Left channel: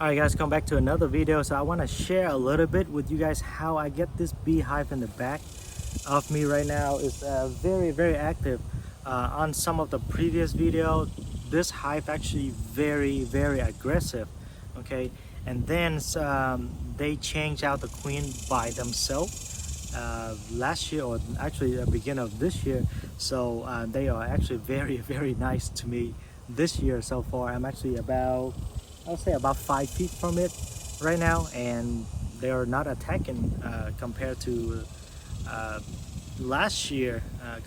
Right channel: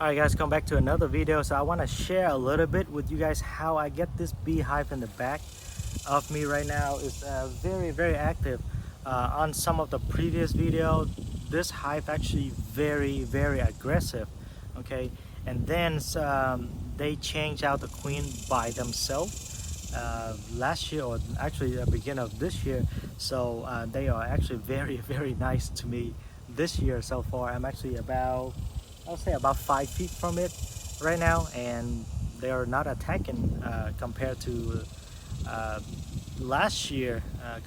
Alright guys, come back to another video. So I want to share a little bit with you guys how I get this beehive in the back of me right now. Is very active. On some of the previous video, this hive actually very aggressive. Okay, and then they changed out the queen by themselves last year, or actually the beginning of this year. So they are actually very nice to me this year so far. I'm actually I'll say about 5 feet from it right now, and they are not attacking compared to last year. I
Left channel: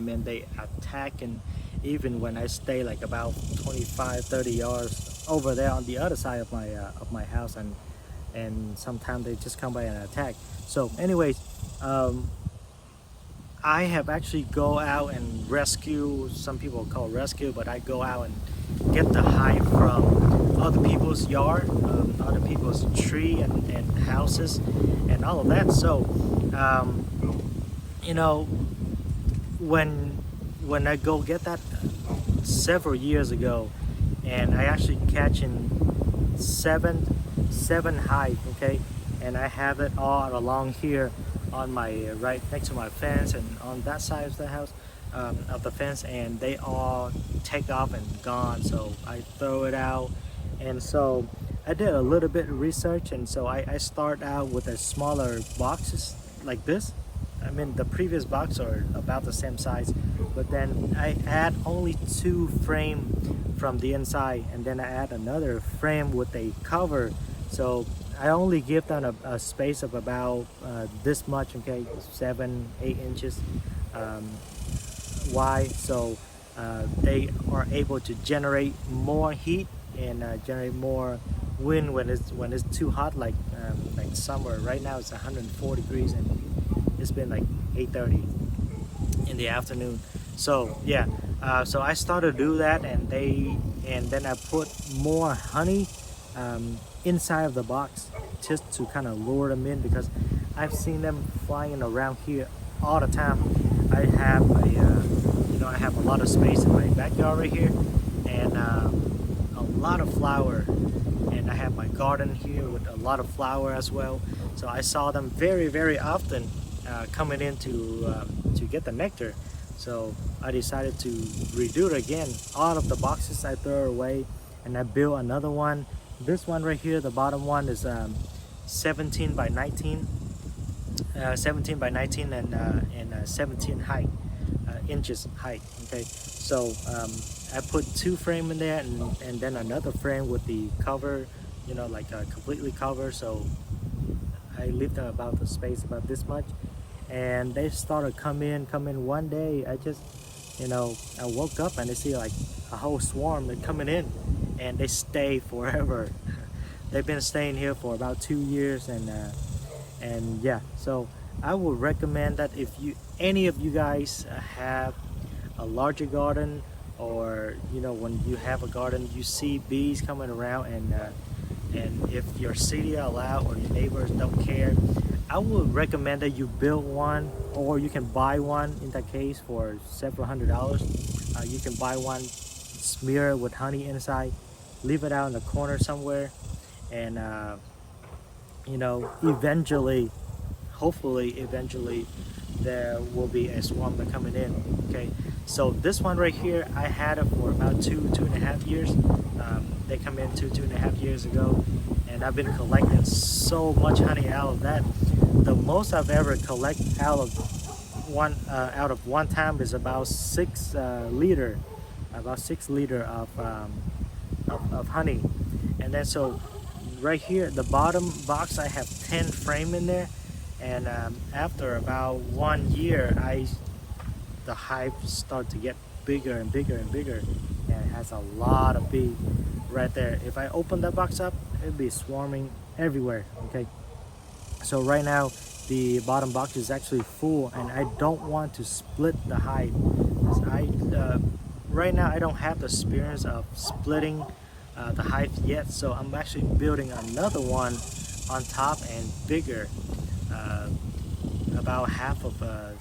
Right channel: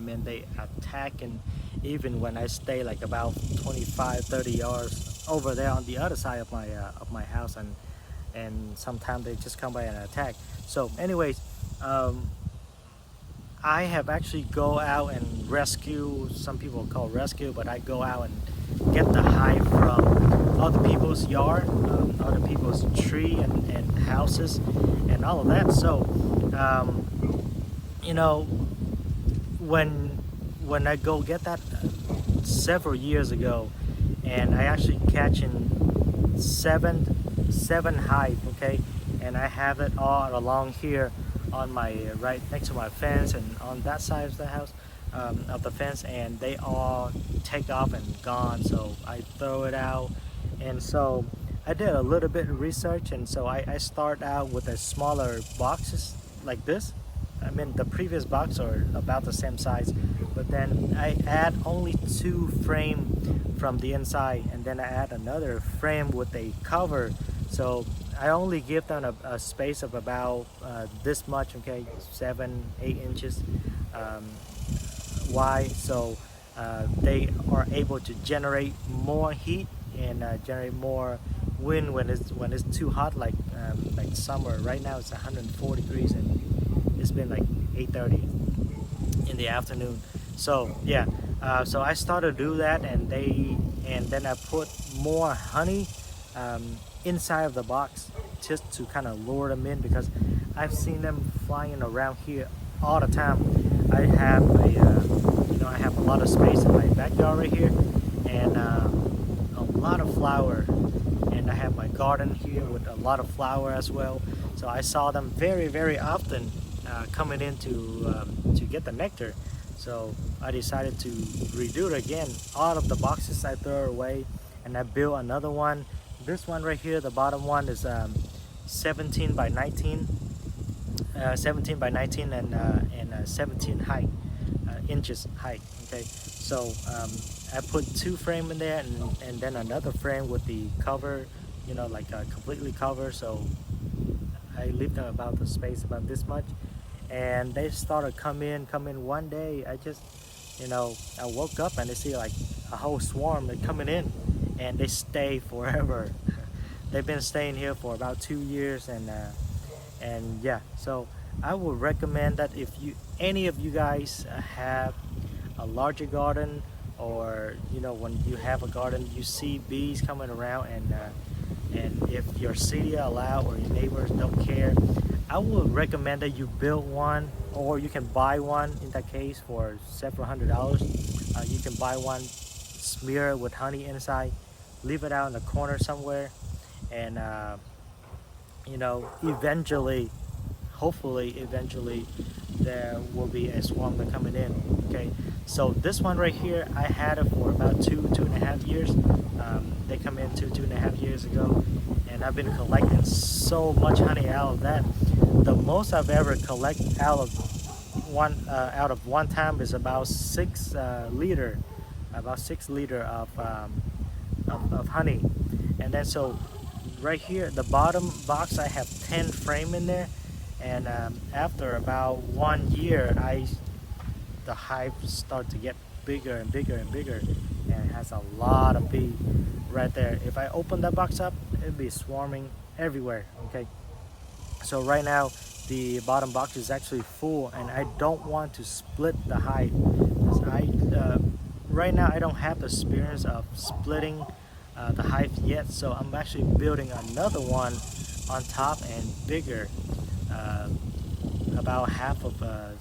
mean, they attacking even when I stay like about 25-30 yards over there on the other side of my house, and sometimes they just come by and attack. So anyways, I have actually go out and rescue, some people call rescue, but I go out and get the hive from other people's yard, other people's tree and houses and all of that. So you know, when I go get that several years ago, and I actually catching seven hive, okay, and I have it all along here on my right next to my fence and on that side of the house, of the fence, and they all take off and gone. So I throw it out, and so I did a little bit of research, and so I start out with a smaller boxes like this. I mean, the previous box are about the same size, but then I add only 2 frame from the inside, and then I add another frame with a cover. So I only give them a space of about this much, okay, 7-8 inches wide. So they are able to generate more heat and generate more wind when it's too hot, like summer. Right now it's 104 degrees and it's been like 8:30 in the afternoon. So yeah, so I started to do that, and then I put more honey inside of the box just to kind of lure them in, because I've seen them flying around here all the time. I have I have a lot of space in my backyard right here, and a lot of flower, and I have my garden here with a lot of flower as well. So I saw them very often coming in to get the nectar. So I decided to redo it again. All of the boxes I throw away, and I built another one. This one right here, the bottom one, is 17 by 19 and 17 height inches height. Okay, so I put 2 frame in there, and then another frame with the cover, like completely covered. So I leave them about the space about this much, and they started come in one day. I just I woke up and I see like a whole swarm coming in, and they stay forever. They've been staying here for about 2 years, and yeah, so I would recommend that if any of you guys have a larger garden, or when you have a garden you see bees coming around, and if your city allow or your neighbors don't care, I would recommend that you build one, or you can buy one in that case for several $100s. You can buy one, smear it with honey inside, leave it out in the corner somewhere, and eventually, hopefully eventually, there will be a swarm that coming in. Okay, so this one right here, I had it for about 2.5 years. They come in 2.5 years ago, and I've been collecting so much honey out of that. The most I've ever collected out of one time is about 6 liter of honey. And then so right here, the bottom box, I have 10 frame in there, and after about 1 year, the hive start to get bigger and bigger, and it has a lot of bees right there. If I open that box up, it'd be swarming everywhere. Okay, so right now the bottom box is actually full, and I don't want to split the hive, because right now I don't have the experience of splitting the hive yet. So I'm actually building another one on top and bigger, about half of a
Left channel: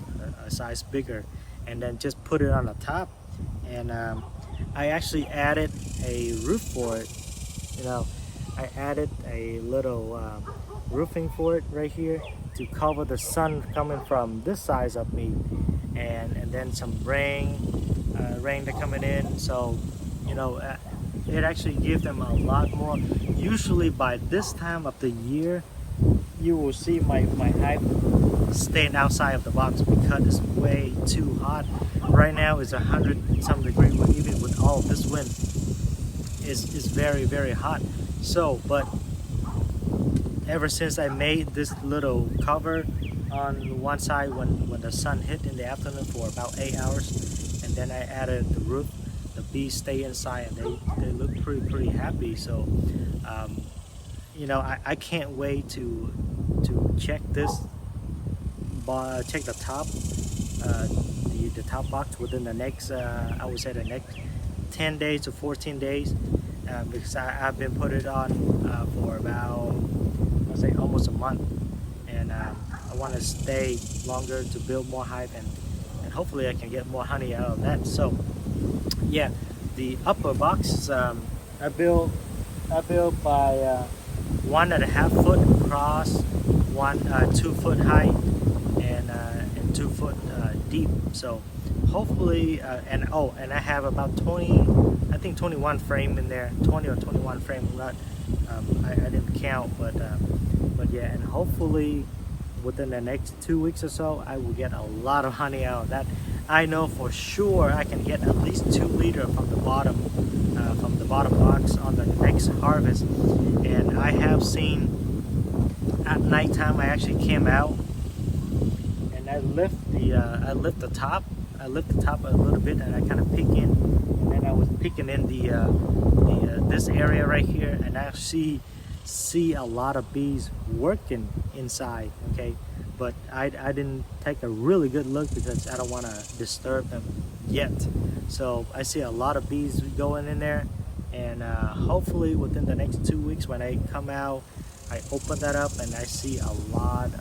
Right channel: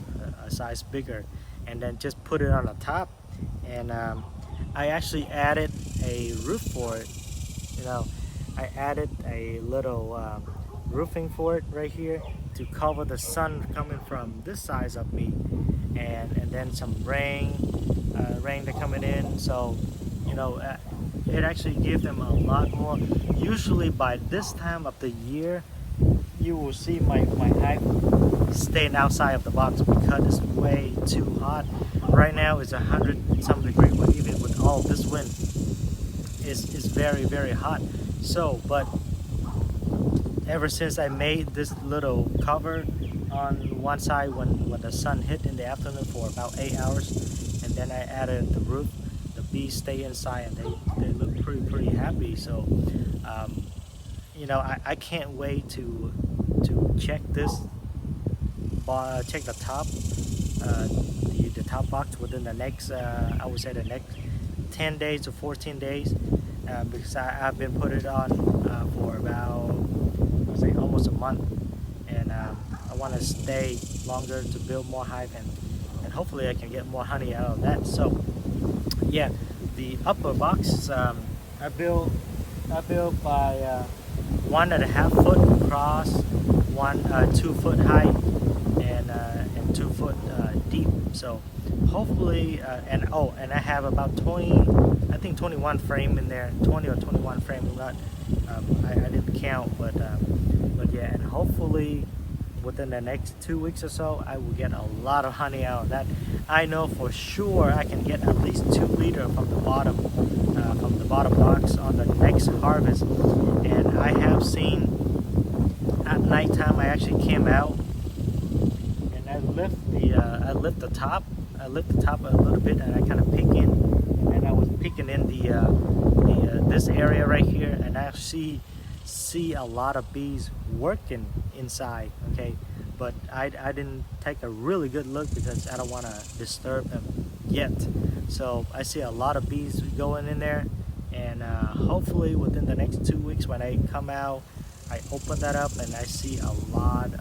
size bigger, and then just put it on the top. And I actually added a roof for it. I added a little roofing for it right here to cover the sun coming from this side of me, and then some rain that coming in. So you know, it actually gives them a lot more. Usually by this time of the year, you will see my hive staying outside of the box because it's way too hot. Right now it's 100 some degree, but even with all this wind, it's very hot. So, but ever since I made this little cover on one side when the sun hit in the afternoon for about 8 hours, and then I added the roof, the bees stay inside and they look pretty happy. So you know, I can't wait to check this, check the top, the top box within the next I would say the next 10 days to 14 days, because I've been put it on for about, I would say, almost a month, and I want to stay longer to build more hive, and hopefully I can get more honey out of that. So yeah, the upper box I built by 1.5 foot across, 2 foot height, and 2 foot deep. So hopefully, and I have about 21 frame in there, 20 or 21 frame. I'm not, I didn't count, but yeah, and hopefully within the next 2 weeks or so, I will get a lot of honey out of that. I know for sure I can get at least 2 liters from the bottom box on the next harvest. And I have seen at nighttime, I actually came out and I lift the top a little bit, and I kind of pick in, and then I was picking in this area right here, and I see a lot of bees working inside. Okay, but I didn't take a really good look because I don't want to disturb them yet. So I see a lot of bees going in there, and hopefully within the next 2 weeks when I come out, I open that up and I see a lot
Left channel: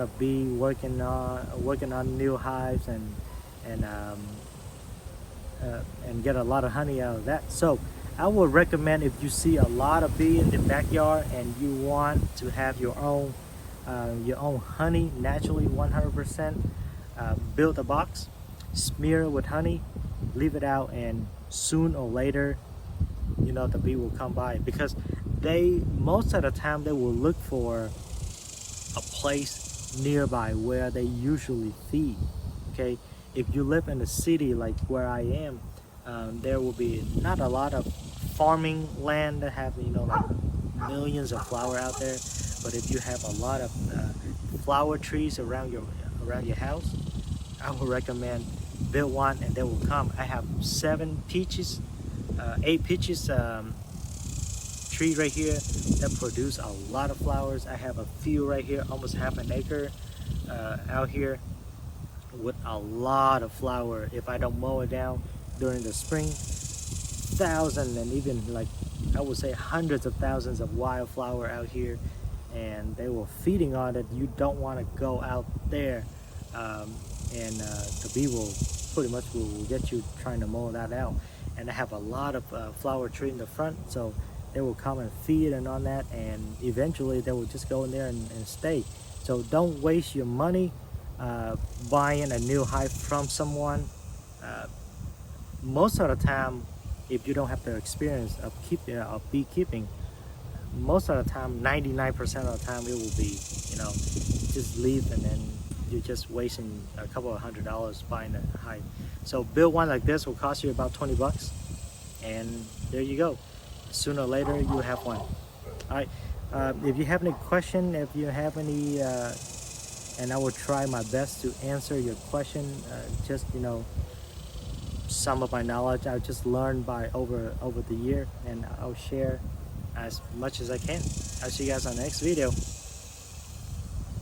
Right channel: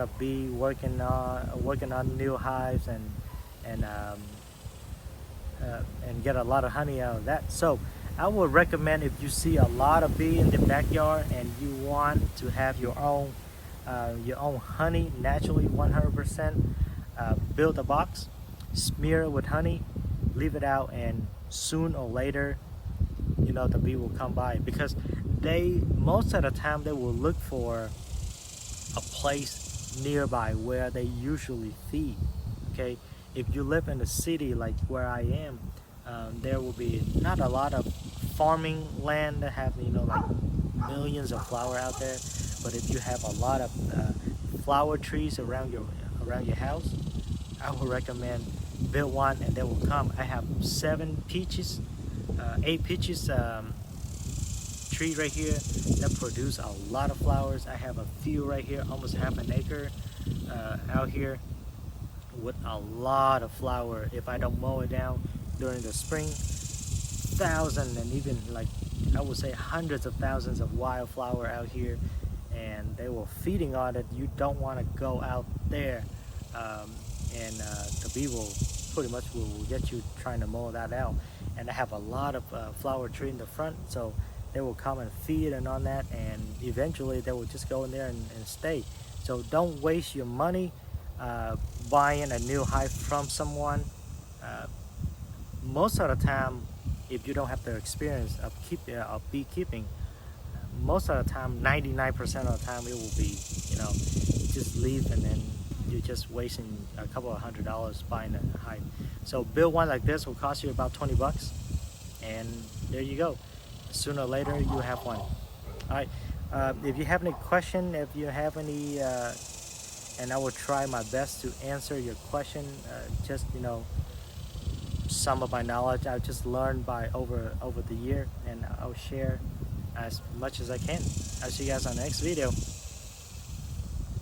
of bee working on new hives, and get a lot of honey out of that. So I would recommend, if you see a lot of bee in the backyard and you want to have your own honey naturally 100%, build a box, smear it with honey, leave it out, and soon or later, you know, the bee will come by, because most of the time they will look for a place nearby where they usually feed. Okay, if you live in a city like where I am, there will be not a lot of farming land that have, you know, like millions of flower out there. But if you have a lot of flower trees around your house, I would recommend build one and they will come. I have 8 peaches tree right here that produce a lot of flowers. I have a few right here, almost half an acre out here with a lot of flower. If I don't mow it down during the spring, thousands and even, like, I would say hundreds of thousands of wildflower out here, and they were feeding on it. You don't want to go out there, and the bee will pretty much will get you trying to mow that out. And I have a lot of flower tree in the front, so they will come and feed and on that, and eventually they will just go in there and stay. So don't waste your money buying a new hive from someone. Most of the time, if you don't have the experience of beekeeping, most of the time, 99% of the time, it will be, you know, just leave, and then you're just wasting a couple of $100 buying a hive. So build one like this will cost you about 20 bucks, and there you go. Sooner or later, you have one. All right. If you have any question, if you have any, and I will try my best to answer your question. Just, you know, some of my knowledge I've just learned by over the year, and I'll share as much as I can. I'll see you guys on the next video.